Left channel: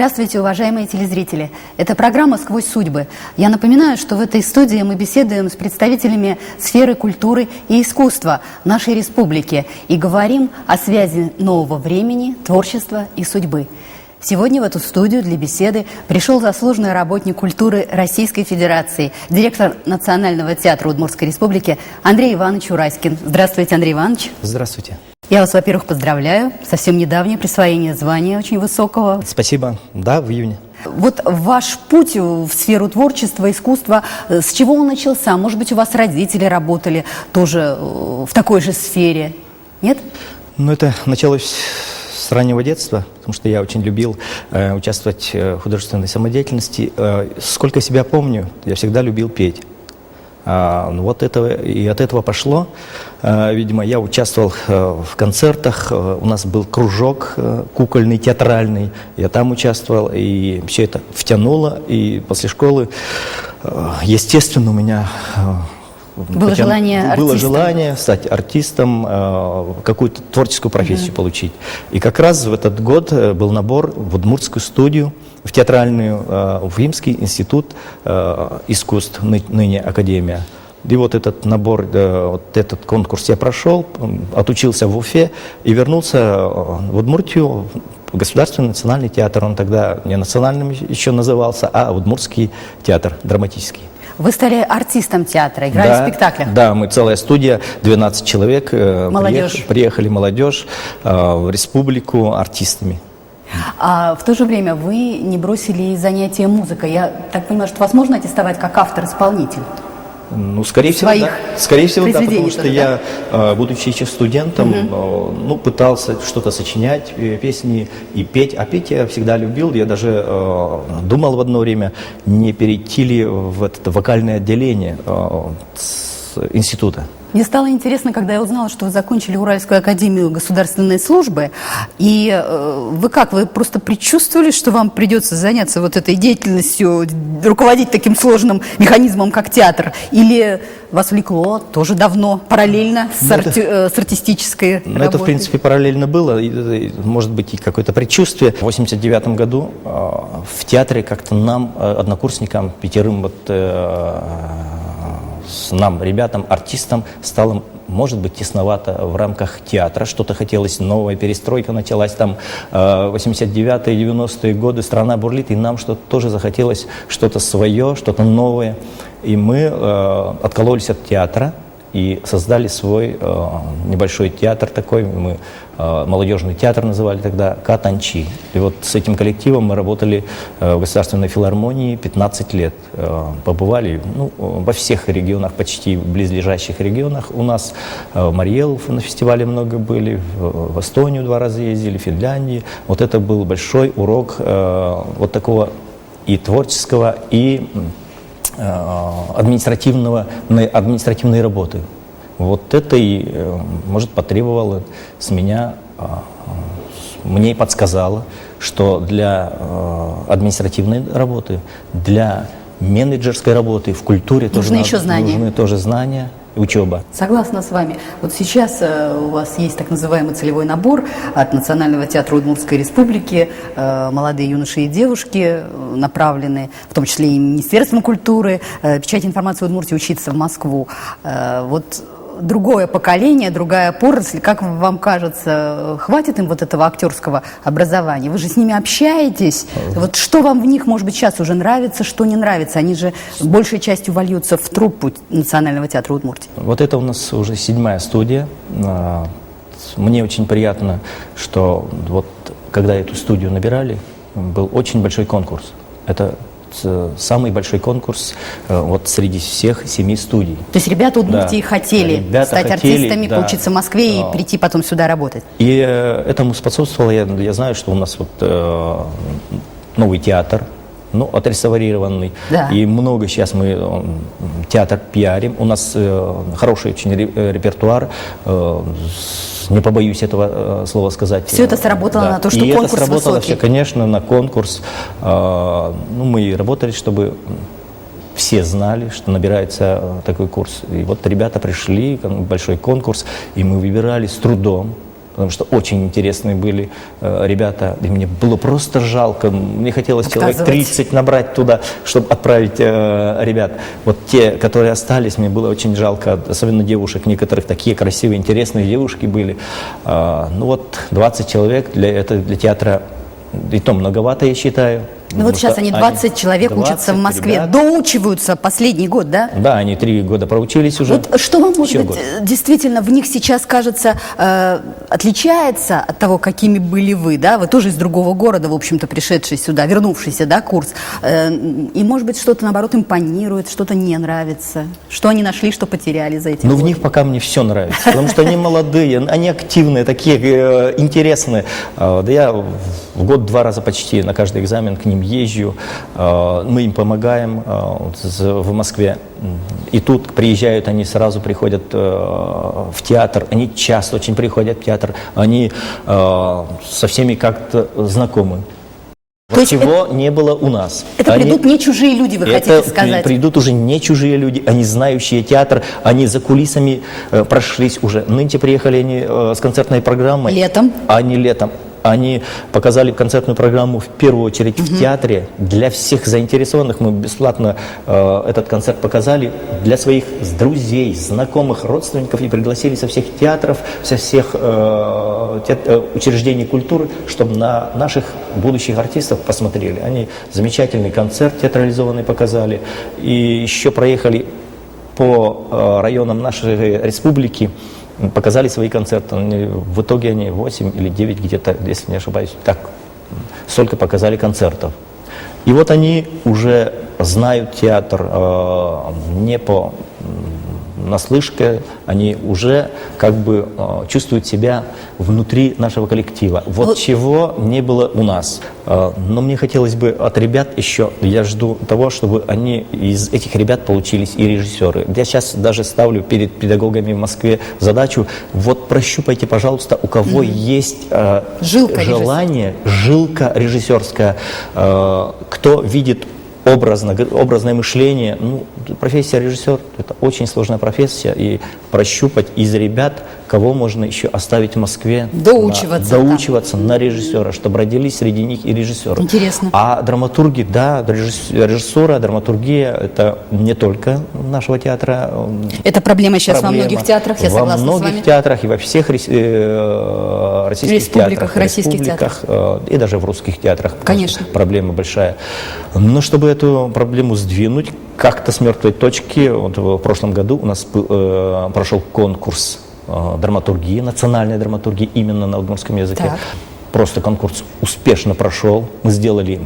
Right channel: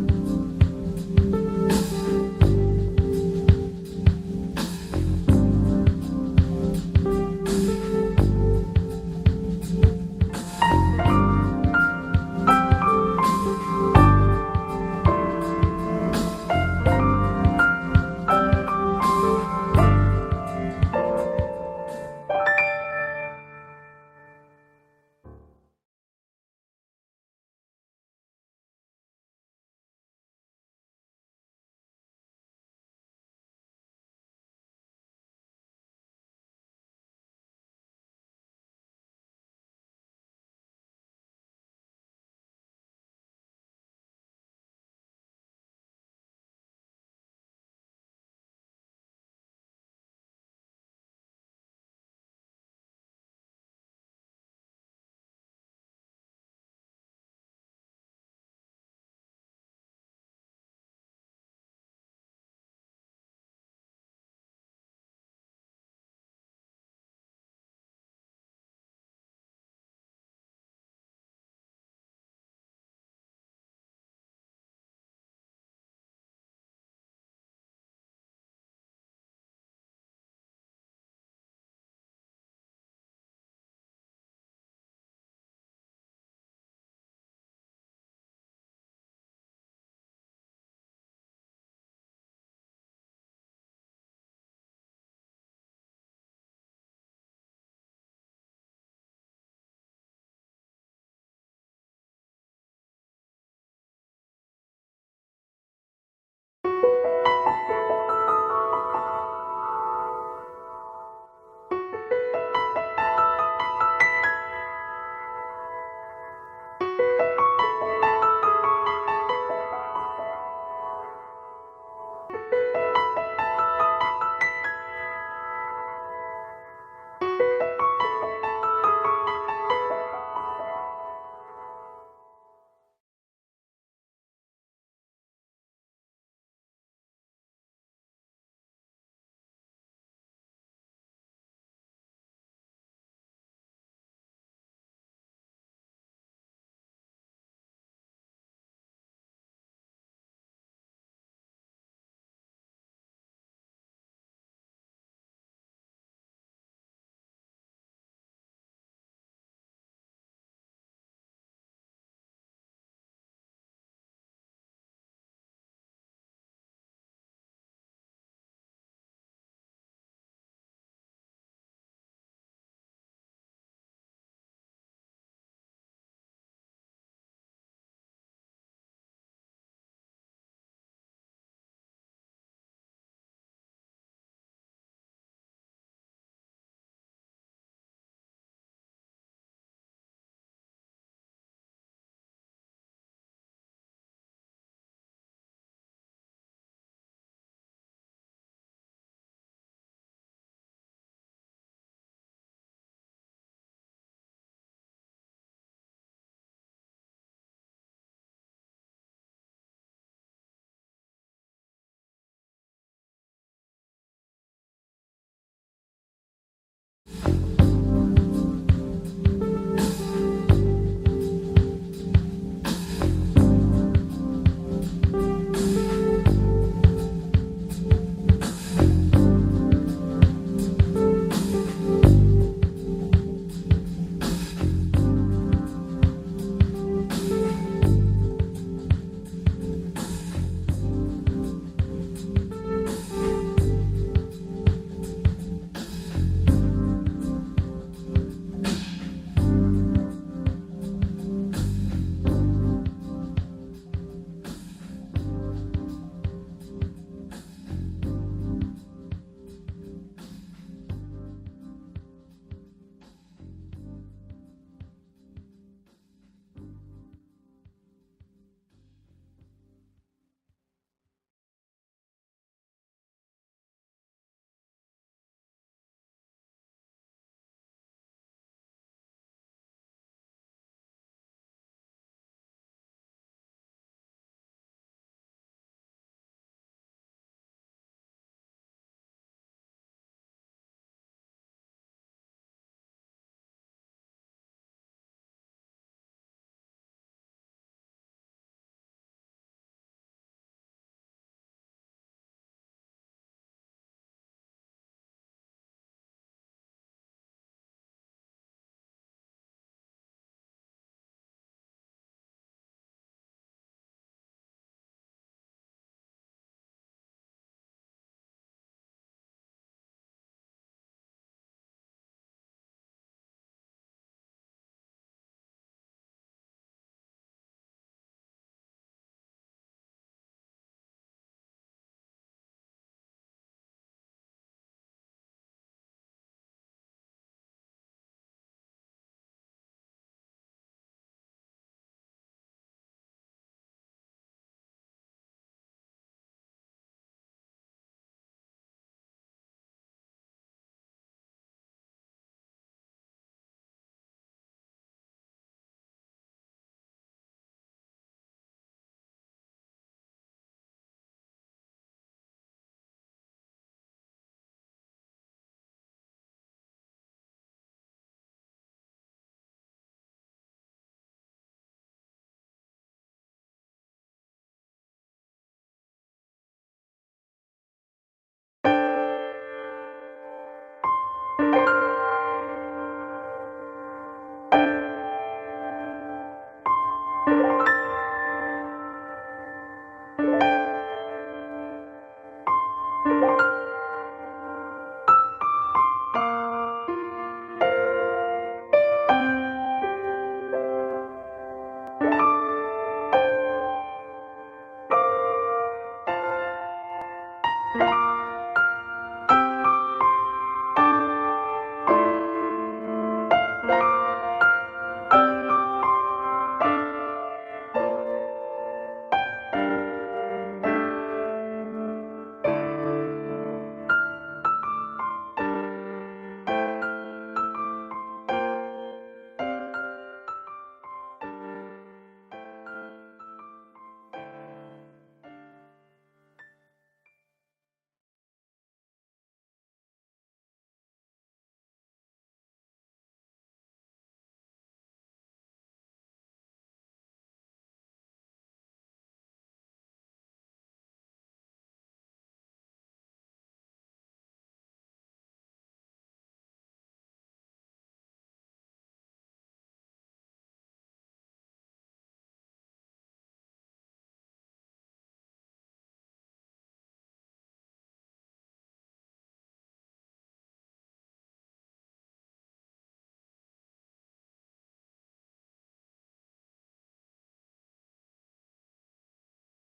Здравствуйте, уважаемые телезрители. Это программа «Сквозь судьбы». Я напоминаю, что в этой студии мы беседуем с представителями сферы культуры и искусства нашей республики и говорим о связи нового времени, творчества и судьбы. Сегодня в эту студию для беседы пришел заслуженный работник культуры Российской Федерации, директор Национального театра Удмуртской Республики Андрей Иванович Ураськин. Здравствуйте, Андрей Иванович. Здравствуйте. Я вас, во-первых, поздравляю. Совсем недавнее присвоение звания очень высокого. Спасибо. Да, в июне. Вот ваш путь в сферу творчества, искусства, с чего он начался? Может быть, у вас родители работали тоже в такой же сфере? Нет? Ну, это началось с раннего детства, потому что я очень любил участвовать в художественной самодеятельности. Сколько себя помню, я всегда любил петь. Вот это, и от этого пошло. Видимо, я участвовал в концертах, у нас был кружок кукольный, театральный, я там участвовал, и все это втянуло, и после школы, естественно, у меня было желание стать артистом, какую-то творческую профессию получить. И как раз в этот год был набор в Удмуртскую студию, в театральную, в Уфимский институт искусств, ныне Академия. И вот этот набор, вот этот конкурс я прошел, отучился в Уфе и вернулся в Удмуртию, в Государственный национальный театр. Он тогда не национальным еще назывался, а Удмуртский театр драматический. Вы стали артистом театра, играли в спектаклях? Да, мы целая студия, 12 человек. Молодежь. Приехали молодежь в республику артистами. А в то же время вы не бросили занятия музыкой. Я так понимаю, что вас можно аттестовать как автор-исполнитель? Ну, скорее всего, да. Скорее всего, да, потому что я, будучи еще студентом, пытался что-то сочинять, песни и петь. А петь я всегда любил. Я даже думал в одно время, не перейти ли в это вокальное отделение с института. Мне стало интересно, когда я узнала, что вы закончили Уральскую академию государственной службы. И вы как, вы просто предчувствовали, что вам придется заняться вот этой деятельностью, руководить таким сложным механизмом, как театр? Или вас влекло тоже давно, параллельно с артистической работой? Это, в принципе, параллельно было. Может быть, и какое-то предчувствие. В 1989 году в театре как-то нам, однокурсникам, 5 нам, ребятам, артистам, стало, может быть, тесновато в рамках театра. Что-то хотелось, новая перестройка началась там 89-е, 90-е годы, страна бурлит, и нам что-то тоже захотелось, что-то свое, что-то новое. И мы откололись от театра и создали свой небольшой театр такой, мы молодежный театр называли тогда, Катанчи. И вот с этим коллективом мы работали в Государственной филармонии 15 лет. Побывали во всех регионах, почти в близлежащих регионах. У нас в Марьелов на фестивале много были, в Эстонию 2 раза ездили, в Финляндии. Вот это был большой урок вот такого и творческого, и административной работы. Вот это и, может, потребовало с меня, мне и подсказало, что для административной работы, для менеджерской работы в культуре нужны тоже знания. Учеба. Согласна с вами. Вот сейчас у вас есть так называемый целевой набор от Национального театра Удмуртской Республики. Молодые юноши и девушки направлены, в том числе и Министерством культуры, печать информации в Удмуртии, учиться в Москву. Вот другое поколение, другая поросль, как вам кажется, хватит им вот этого актерского образования? Вы же с ними общаетесь. Вот что вам в них, может быть, сейчас уже нравится, что не нравится? Они же большей частью вольются в труппу Национального театра Удмуртии. Вот это у нас уже 7-я студия. Мне очень приятно, что вот когда эту студию набирали, был очень большой конкурс. Это самый большой конкурс вот среди всех 7 студий. То есть ребята Удмуртии хотели стать артистами, поучиться в Москве и прийти потом сюда работать? И этому способствовало, я знаю, что у нас вот новый театр, отреставрированный. Да. И много сейчас мы театр пиарим. У нас хороший очень репертуар, не побоюсь этого слова сказать. Все это сработало на то, что и конкурс это сработало высокий. Все, конечно, на конкурс. Мы работали, чтобы все знали, что набирается такой курс. И вот ребята пришли, большой конкурс, и мы выбирали с трудом. потому что очень интересные были ребята, и мне было просто жалко, мне хотелось человек Отказывать. 30 набрать туда, чтобы отправить ребят. Вот те, которые остались, мне было очень жалко, особенно девушек, некоторых такие красивые, интересные девушки были. Ну вот 20 человек для театра, и то многовато, я считаю. Ну вот Потому сейчас что они 20 человек 20 учатся в Москве, ребят. доучиваются последний год, да? Да, они 3 года проучились уже. Вот что вам, может Еще быть, год. действительно в них сейчас кажется отличается от того, какими были вы, да? Вы тоже из другого города, в общем-то, пришедший сюда, вернувшийся, да, курс. И, может быть, что-то, наоборот, импонирует, что-то не нравится. Что они нашли, что потеряли за эти Ну, в годы? них пока мне все нравится, потому что они молодые, они активные, такие интересные. Да я в год 2 раза почти на каждый экзамен к ним езжу, мы им помогаем в Москве. И тут приезжают, они сразу приходят в театр, они часто очень приходят в театр, они со всеми как-то знакомы. То есть Чего не было у нас. Это Они- придут не чужие люди, вы хотите сказать? Придут уже не чужие люди, они знающие театр, они за кулисами прошлись уже. Нынче приехали они с концертной программой. Летом? Они летом. Они показали концертную программу в первую очередь в театре. Для всех заинтересованных мы бесплатно этот концерт показали. Для своих друзей, знакомых, родственников и пригласили со всех театров, со всех учреждений культуры, чтобы на наших будущих артистов посмотрели. Они замечательный концерт театрализованный показали. И еще проехали по районам нашей республики, показали свои концерты. В итоге они 8 или 9 где-то, если не ошибаюсь, так, столько показали концертов. И вот они уже знают театр не по наслышке, они уже как бы чувствуют себя внутри нашего коллектива. Вот чего не было у нас. Но мне хотелось бы от ребят еще, я жду того, чтобы они из этих ребят получились и режиссеры. Я сейчас даже ставлю перед педагогами в Москве задачу, вот прощупайте, пожалуйста, у кого есть Жилка желание, жилка режиссерская, кто видит образное мышление. Ну, профессия режиссер – это очень сложная профессия, и прощупать из ребят, кого можно еще оставить в Москве. Доучиваться на режиссера, чтобы родились среди них и режиссеры. Интересно. А драматурги, да, режиссура, драматургия – это не только нашего театра. Это проблема сейчас во многих театрах, я согласна с вами. Во многих театрах и во всех российских театрах, республиках. И даже в русских театрах. Конечно. Проблема большая. Но чтобы эту проблему сдвинуть как-то с мертвой точки, вот в прошлом году у нас прошел конкурс драматургии, национальной драматургии именно на удмуртском языке. Так. Просто конкурс успешно прошел. Мы сделали,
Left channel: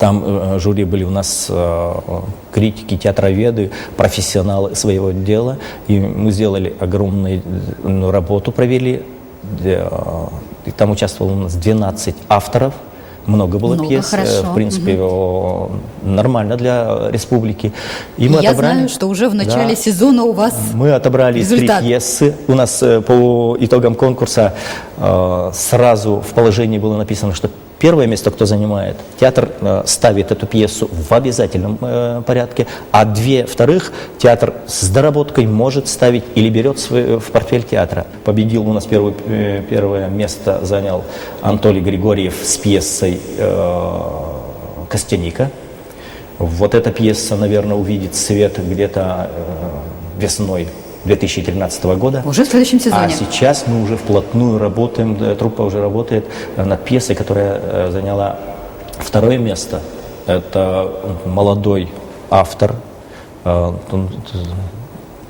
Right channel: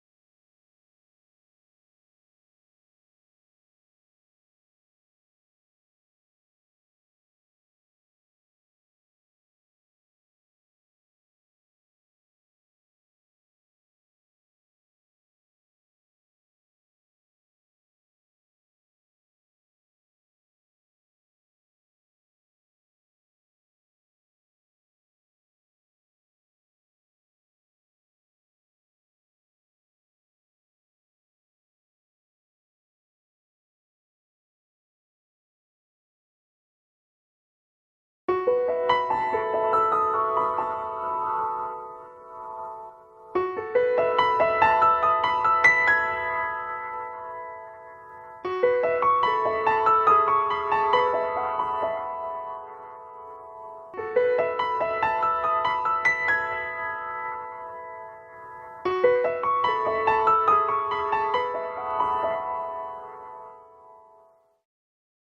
там жюри были у нас критики, театроведы, профессионалы своего дела. И мы сделали огромную работу, провели. И там участвовало у нас 12 авторов. Много было пьес, хорошо. в принципе, нормально для республики. И мы Я отобрали, знаю, что уже в начале сезона у вас мы отобрали результат. 3 пьесы. У нас по итогам конкурса сразу в положении было написано, что первое место, кто занимает, театр ставит эту пьесу в обязательном порядке, а 2 вторых театр с доработкой может ставить или берет в портфель театра. Победил у нас первое место занял Анатолий Григорьев с пьесой «Костяника». Вот эта пьеса, наверное, увидит свет где-то весной 2013 года. Уже в следующем сезоне. А сейчас мы уже вплотную работаем, труппа уже работает над пьесой, которая заняла 2 место. Это молодой автор,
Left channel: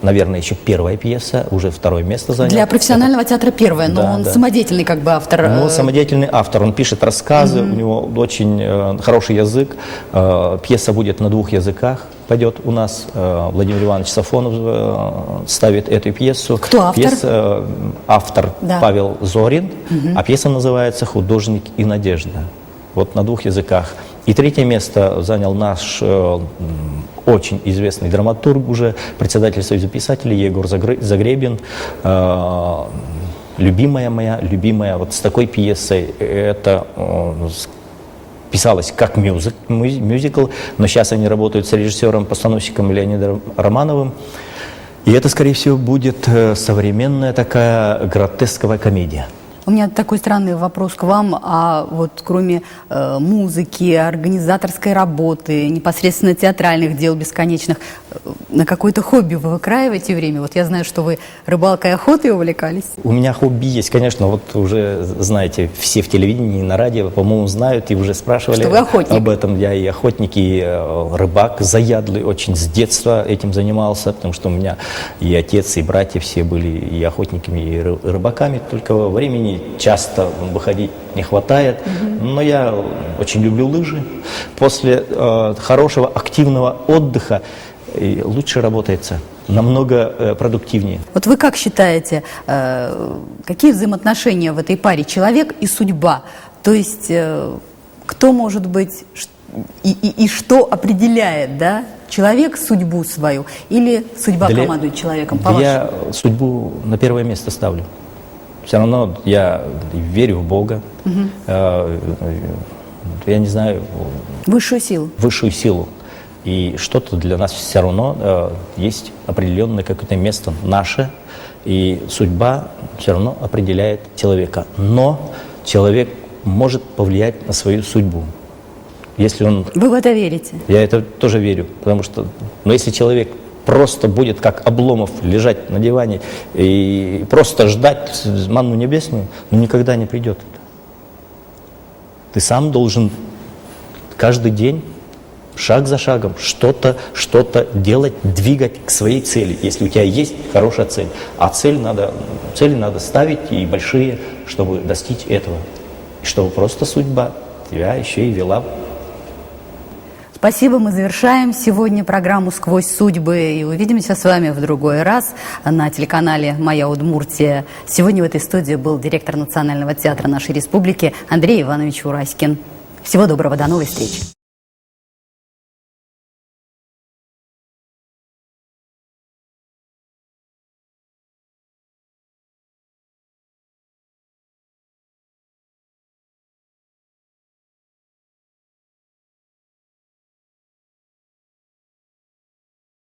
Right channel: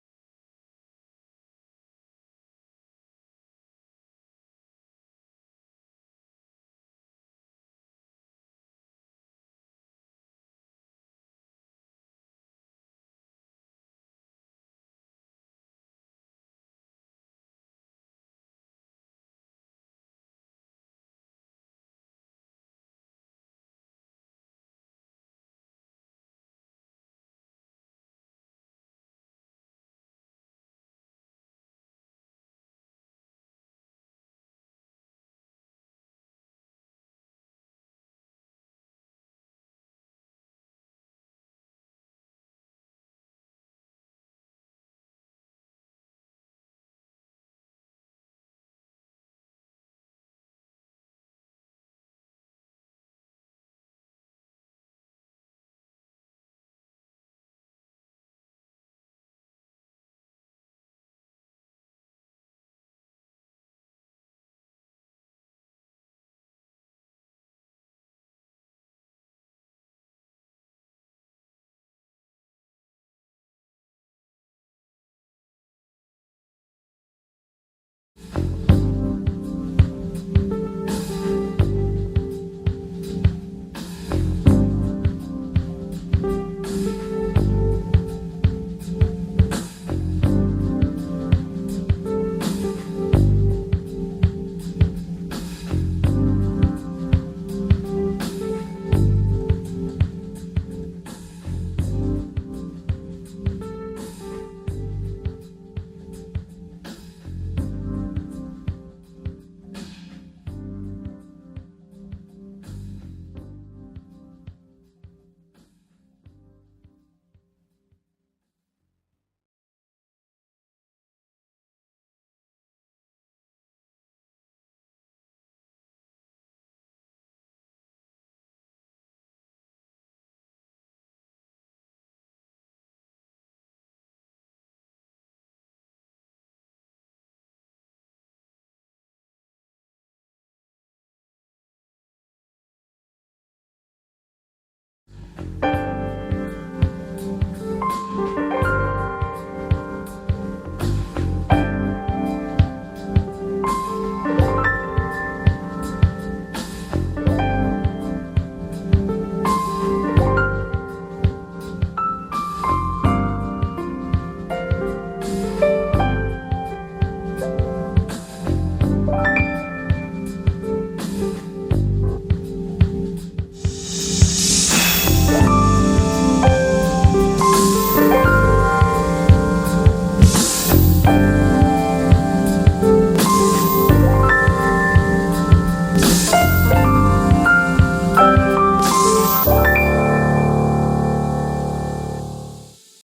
наверное, еще первая пьеса, уже 2 место занял. Для профессионального театра первое, но Да, он да. самодеятельный как бы автор. Ну, самодеятельный автор, он пишет рассказы, у него очень хороший язык, пьеса будет на 2 языках, пойдет у нас, Владимир Иванович Сафонов ставит эту пьесу. Кто автор? Автор Да. Павел Зорин, а пьеса называется «Художник и надежда». Вот на 2 языках. И 3 место занял наш очень известный драматург уже, председатель Союза писателей Егор Загребин. Любимая моя, любимая, вот с такой пьесой, это писалось как мюзикл, но сейчас они работают с режиссером-постановщиком Леонидом Романовым. И это, скорее всего, будет современная такая гротесковая комедия. У меня такой странный вопрос к вам. А вот кроме музыки, организаторской работы, непосредственно театральных дел бесконечных, на какое-то хобби вы выкраиваете время? Вот я знаю, что вы рыбалкой и охотой увлекались. У меня хобби есть, конечно, вот уже, знаете, все в телевидении, на радио, по-моему, знают и уже спрашивали Что вы охотник. об этом. Я и охотник, и рыбак заядлый, очень с детства этим занимался, потому что у меня и отец, и братья все были и охотниками, и рыбаками, только времени часто выходить не хватает. Но я очень люблю лыжи. После хорошего активного отдыха лучше работается, намного продуктивнее. Вот вы как считаете, какие взаимоотношения в этой паре человек и судьба? То есть кто может быть и что определяет, да, человек судьбу свою или судьба командует человеком, по-вашему? Я судьбу на первое место ставлю. Все равно я верю в Бога, я не знаю, Высшую силу. высшую силу. И что-то для нас все равно есть определенное какое-то место наше, и судьба все равно определяет человека. Но человек может повлиять на свою судьбу. Если он... Вы в это верите? Я это тоже верю, потому что, но если человек просто будет как Обломов лежать на диване и просто ждать манну небесную, ну никогда не придет это. Ты сам должен каждый день, шаг за шагом, что-то делать, двигать к своей цели, если у тебя есть хорошая цель. А цели надо ставить и большие, чтобы достичь этого. И чтобы просто судьба тебя еще и вела. Спасибо, мы завершаем сегодня программу «Сквозь судьбы» и увидимся с вами в другой раз на телеканале «Моя Удмуртия». Сегодня в этой студии был директор Национального театра нашей республики Андрей Иванович Ураськин. Всего доброго, до новой встречи.